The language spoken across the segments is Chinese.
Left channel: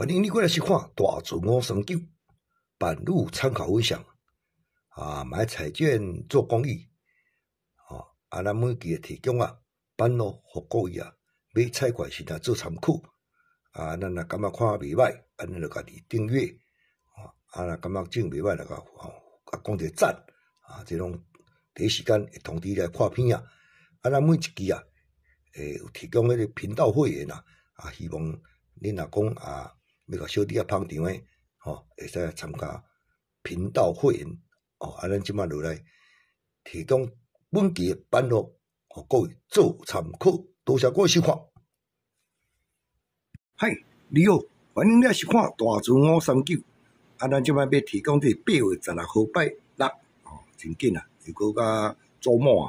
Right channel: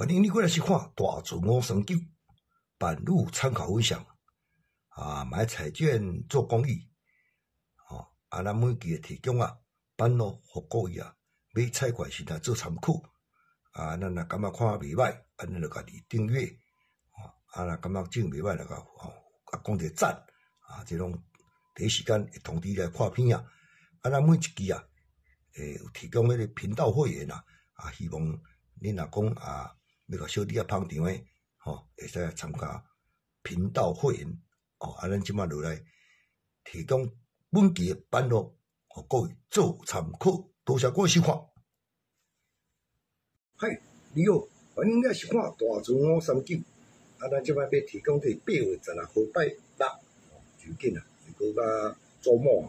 欢迎你过来收看大自我研究版路参考分享买彩券做公益咱每期提供版路互各位买彩券时做参考咱若感觉看袂歹，咱就家己订阅若感觉真袂歹就讲一个赞这种第一时间会通知你看片咱每一期有提供迄个频道会员希望恁若讲要甲小弟捧场诶会使参加频道会员咱即摆落来提供本期诶版路互各位做参考，多谢各位收看。嗨，你好，欢迎你来收看大自我研究咱即摆要提供这8月16号拜六真紧又搁甲周末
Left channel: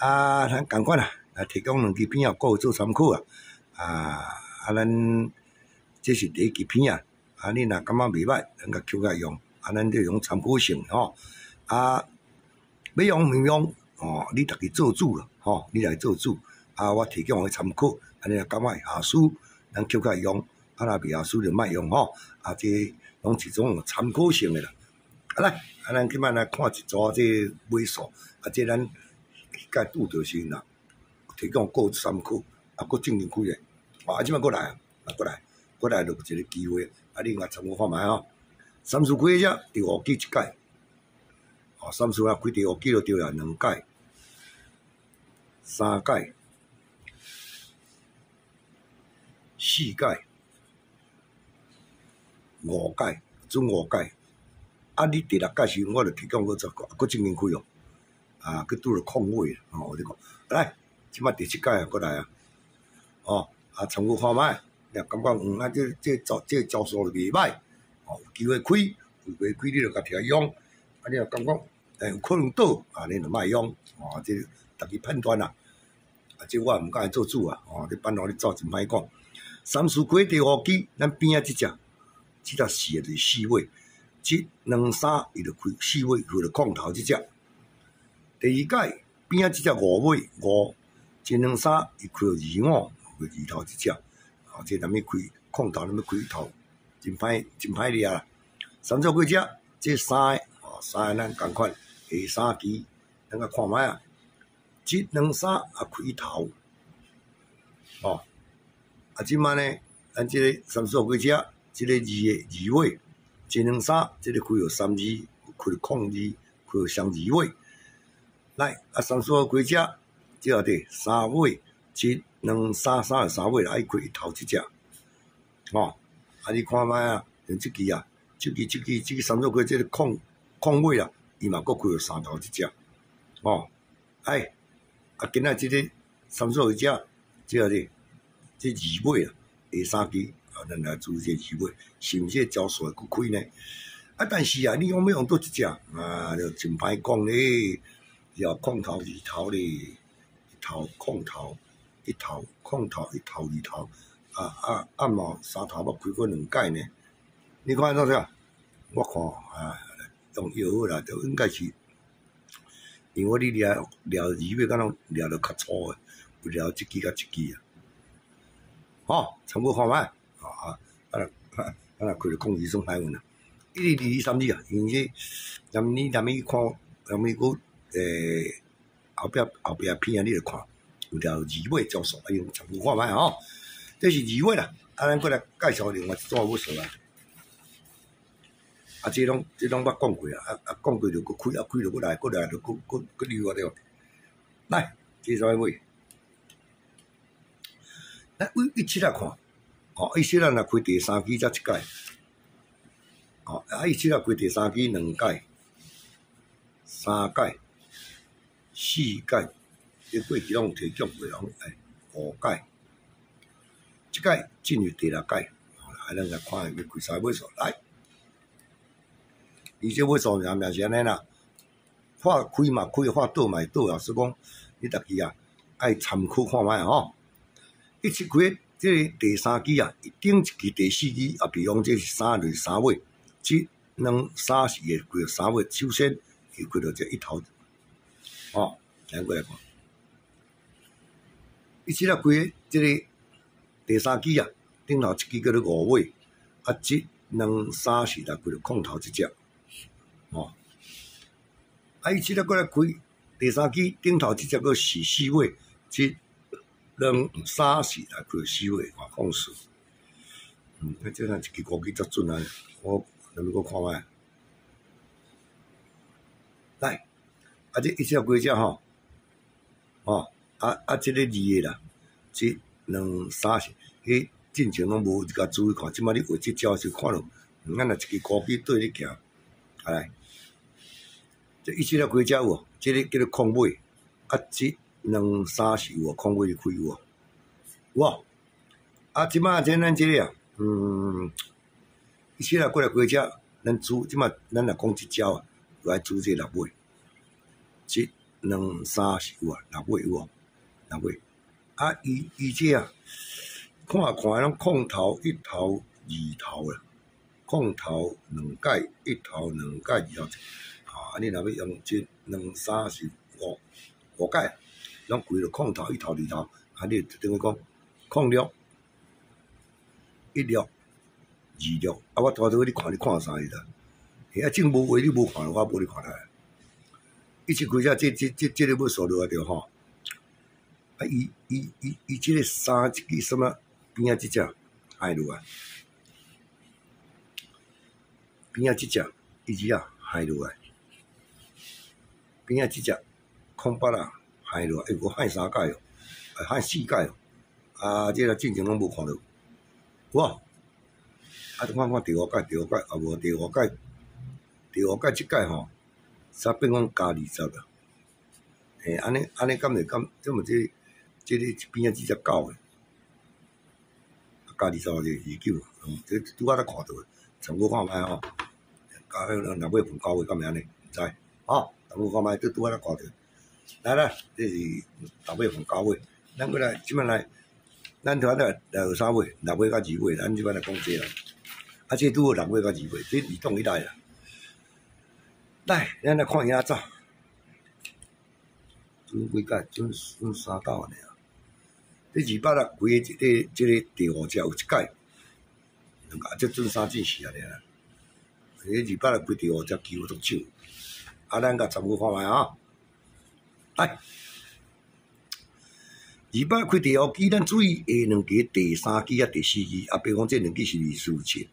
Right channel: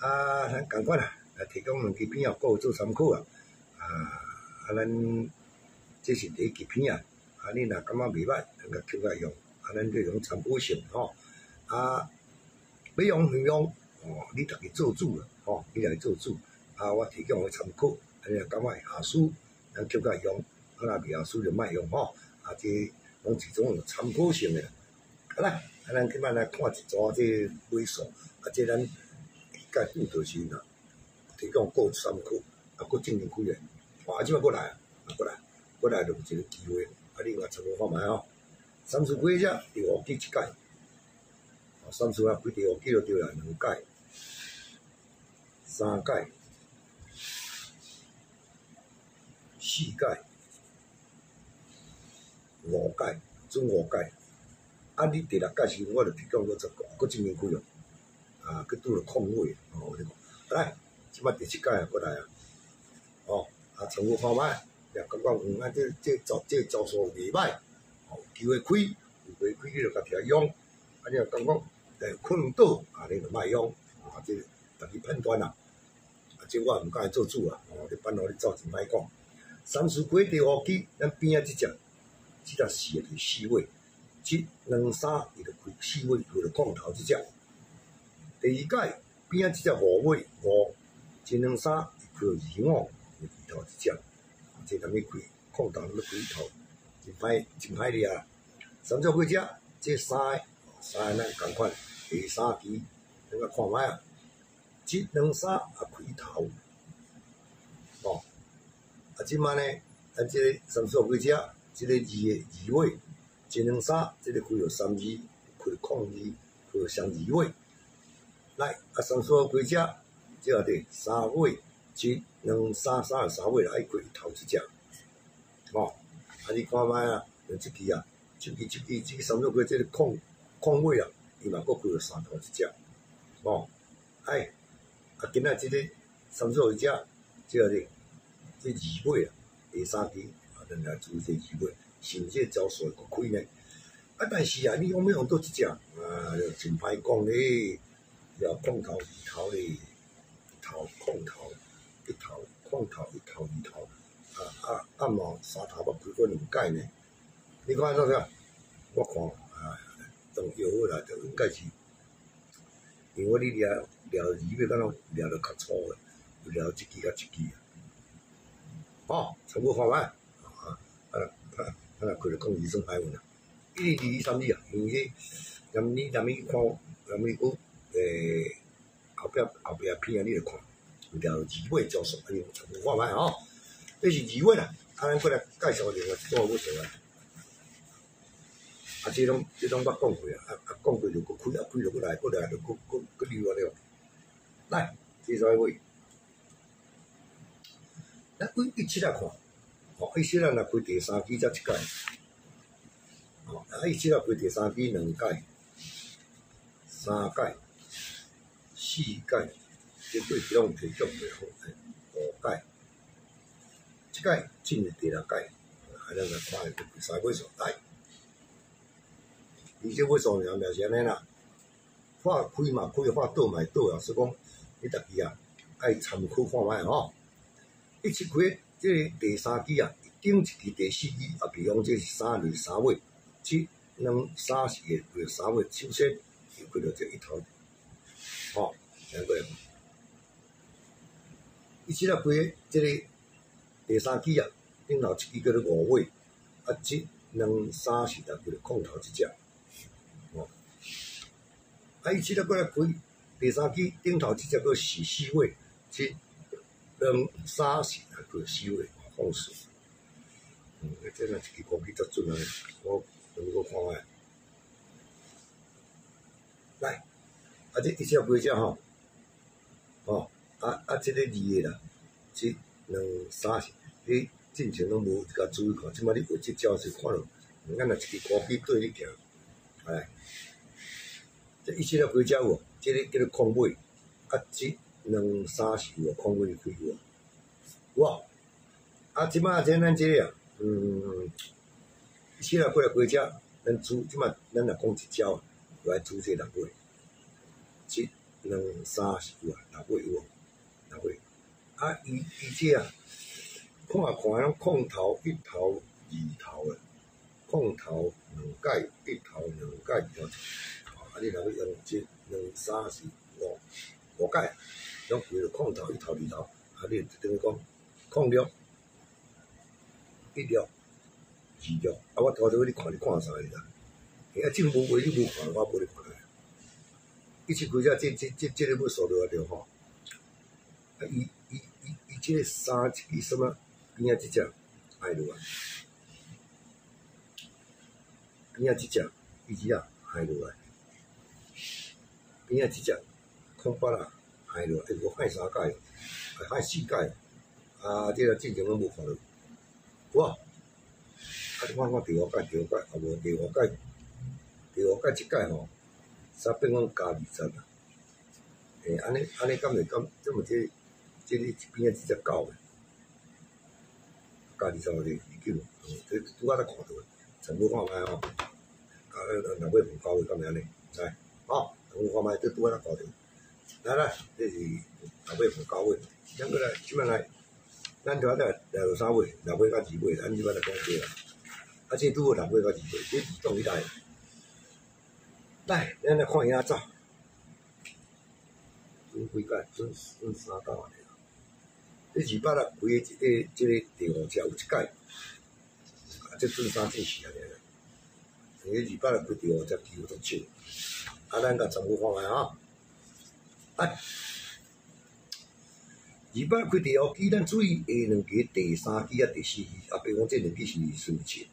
咱共款来提供2支片各位做参考咱这是第一支片你若感觉袂歹，咱甲扣甲用咱就用参考性要用唔用你家己做主啦你来做主我提供个参考你若感觉会下输，咱扣甲用若袂下输就莫用这拢是种参考性的啦来咱今摆来看一组这尾数这咱迄届拄着时啦提供各参考搁正经几个即摆过来过来就一个机会你若参考看觅三数开只第5季1届三数开第5季就对2届3届4届5届准5届你第6届时我就提供搁正经开搁拄着空位我你讲来即摆第7届过来参考看觅感觉这招数袂歹有机会开有袂开你就家己用你若感觉有可能倒你就莫用这家己判断这我毋敢做主这版路你走真歹讲三数开第5季咱边即只4就是4位即2、3伊就开4位开就空头即只第2届边即只5位5即2、3伊开到2、5开2头即只这咱要开空头，咱要开头，真歹哩三组几只？这3个咱共款下3期，咱甲看觅这2、3开头即摆呢，咱这个三组几只？这个2位，这2、3这个开到3、2，开到空2，开到双2位。来三组几只？这第3位。1、2、3、3位来开头即只你看觅像即期三组开这个空位伊嘛搁开到3头即只今仔即个三组几只这2位下3期咱来注意这2位是毋是招数会搁开呢但是你讲要用倒一只就真歹讲咧要空头2头咧1头空头1头空头1头2头嘛3头要开过2届呢你看怎样我看用药好啦就应该是因为你掠2尾敢若掠得较粗诶有掠一支甲一支参考看觅咱若开着控制算歹运1、2、3、4因为这南咪看南咪搁后壁片你著看有掠2尾招数用参考看觅这是2尾啦咱过来介绍另外一种尾数这拢捌讲过讲过就搁开开就搁来就搁溜了来这啥尾来17来看17咱若开第3期才1届17来开第3期2届3届4届这过去拢有提供过5届即届进入第6届咱来看要开啥尾数来这尾数也是安尼啦看开嘛开看倒嘛倒所以讲你家己爱参考看觅17开这个第3期顶一期第4期比方这是3就是3位1、2、3是会开到3位首先会开到这1头咱过来看17开这个第3期顶头一支叫做五尾，啊，一、两、三、四、六，就空头一只，哦。啊，伊即个过来开第三支，顶头即只个是四尾，一、两、三、四、六，就四尾，哇，放肆。啊，即个一支高机足准啊！我咱们搁看卖。来，啊，这一只几只吼？哦，即个二个啦，一、两、三、四，迄进前拢无甲注意看，即摆你画即招就看落，咱若一支高机对你行，来。这一只了几只有？这个叫做空尾，啊，一、两、三、四有空尾开有哇！啊，即摆咱这个啊，一只了过来几只，咱煮即摆咱若讲一招啊，来煮这六尾，一、两、三、四有啊，六尾有无？六尾，啊，伊这啊，看拢空头、一头、二头啦，空头两解，一头两解，二头。啊！你若要用一、两、三、四、五解，拢规个空头、一头、二头，啊！你等于讲空六、一六、二六，啊！我拖到你看啥个啦？啊，正无话你无看，我无你看来。伊一开只这个要数落来着吼。啊！伊这个三支什么边仔即只害落来，边仔即只伊只啊害落来。边仔即只空八啊，害落，有害三解哦，害四解哦，啊，这个进前拢无看到，哇！啊，看第五解，啊无第五解即解吼，煞变讲加20啦，嘿，安尼敢袂敢？这么这个边仔即只狗诶，加20就29，这拄仔才看到诶，全部看卖吼，加六尾分9尾，敢会安尼？毋知，吼。我看卖，拄仔才看着。来，这是六尾分9尾，咱过来，即摆来，咱拄仔来有啥尾？六尾甲2尾，咱即摆来讲这啦。啊，这拄好六尾甲2尾，这移动起来啦。来，咱来看影照。准几解？准3道安尼啊。这260几个这个第5只有一解，啊，这准3进4安尼啦。这260几第5只几乎足少。啊，咱甲参考看卖啊！来，200开第5支，咱注意下两支、第3支啊、第4支啊，比如讲这两支是2、4、7，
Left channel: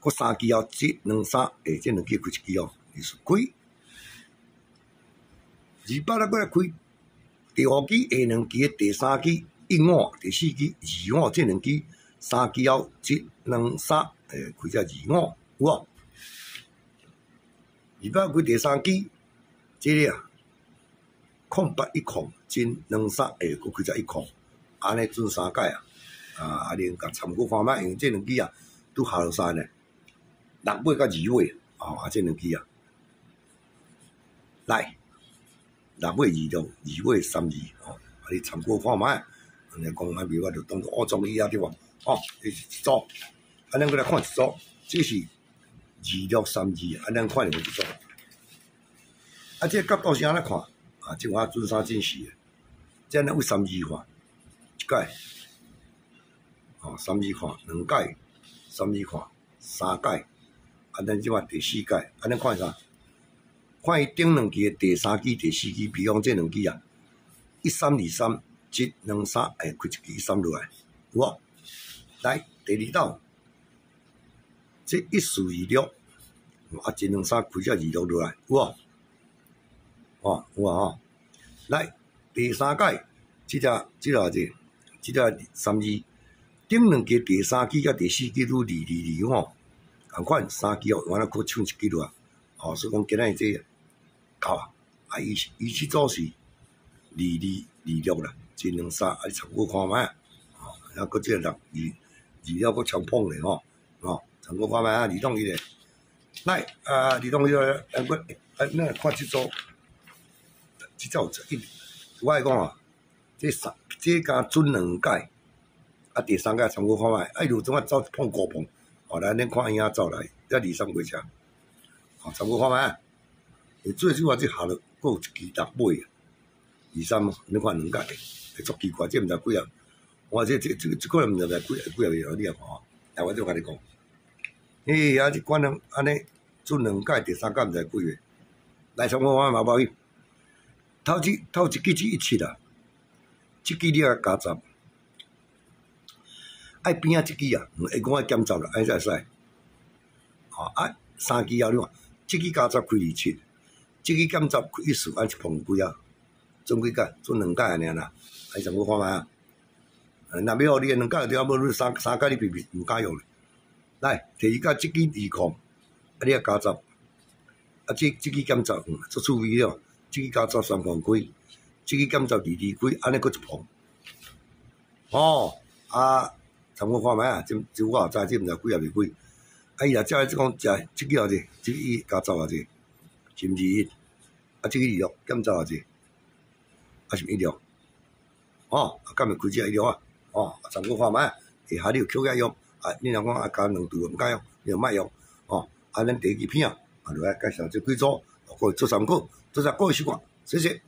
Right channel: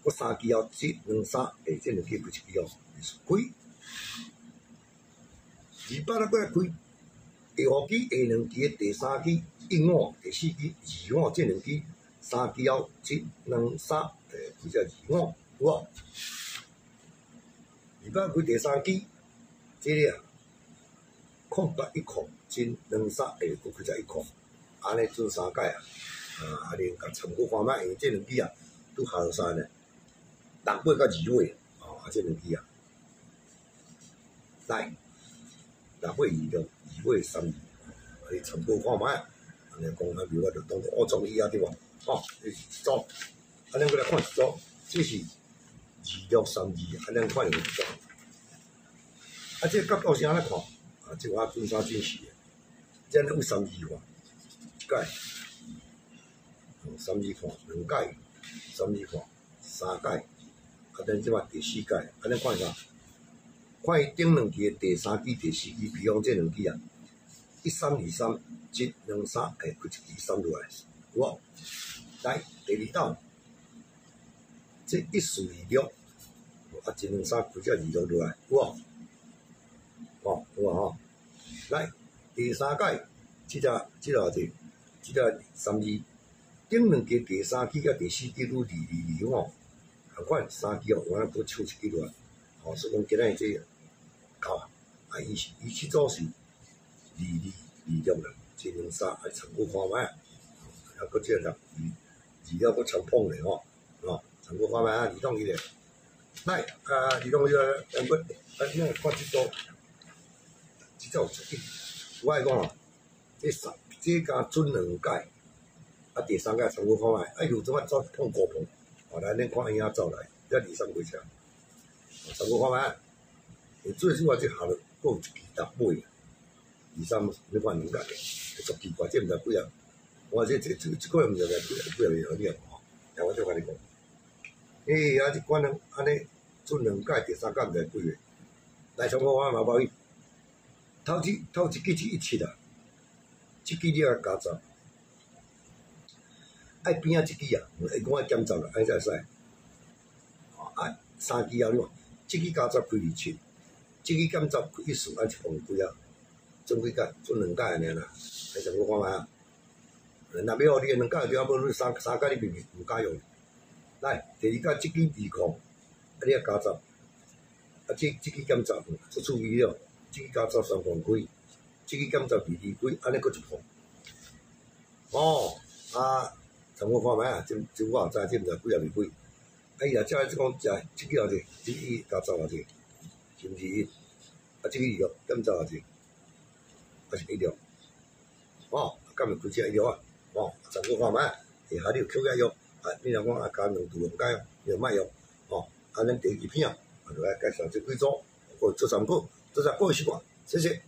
搁3支后1、2、3，这两支开一支哦，2、4开。200过来开第5支下两支、第3支1、5、第4支2、5，这两支3支后1、2、3，开只2、5，有无？200开第3支，这个啊，空8、1空，真2、3，搁开只1空，安尼准3解啊！啊，恁甲参考看卖，因为这两支啊，拄下落山咧，6尾甲2尾，啊，这两支啊，来，6尾26，2尾32，你参考看卖。安尼讲迄边我就当作中医啊，对无？哦，这是一组，啊，咱过来看一组，这是26、32，啊，咱看有一组。啊，这角度是安尼看，啊，即我准3进4诶，这咱为32看，一解，哦，32看2解，32看3解，啊，咱即摆第4解，啊，咱看啥？看伊顶两支诶第3支、第4支，比如讲这两支啊，13、23、1、2、3，开一支13落来，有无？来，第2道，这14、26，啊，1、2、3开只26落来，有无？哦，有啊吼，来第3解，这32，顶两支第3支甲第4支都2吼，同款3支哦，完了搁唱一支落来，哦，所以讲今仔日这够啊，啊伊这组是22、26啦，1、2、3，啊你参考看卖，哦，啊搁这6、26搁超碰咧吼，哦，参考看卖啊，2-1咧，来啊2-1咧，咱搁咱看这组。这才有1，我爱讲啊，这加准2解，啊第3解参考看卖，啊如怎啊走碰5碰，哦来恁看影走来，这2、3几只，哦参考看卖，最主要这下落搁有一支6尾啊，2、3，恁看2解，会足奇怪，这毋知几啊，我这个人毋知几啊月了吼，但我就甲你讲，啊，这管人安尼做2届，第3届毋知几月，来上我嘛无去，头一季是17啦，这季你啊加10，爱边仔一季啊，会讲爱减10啦，安才会使，吼啊3季后你看，这季加10开27，这季减10开14，安一碰几啊？总几届？做2届安尼啦，来上我看觅啊。若要互你2届就要无你3届你避毋敢用咧。来，第2届即季2控，啊你啊加10，啊即季减10，足趣味了。即季加10 3控开，即季减10 2开，安尼佫一碰。哦，啊，参我看觅啊，这我也知，这毋知几啊日几。啊伊若遮即讲食即季偌济，即季加10偌济，是毋是21？啊即季26减10偌济，啊是16。哦，啊，敢会开遮16啊？哦，参考看觅，下下你有扣起用，啊，你若讲啊加2度毋敢用，你就莫用，哦，啊，咱第2期片啊，就来介绍这几组，各位做参考，做只个习惯，谢谢。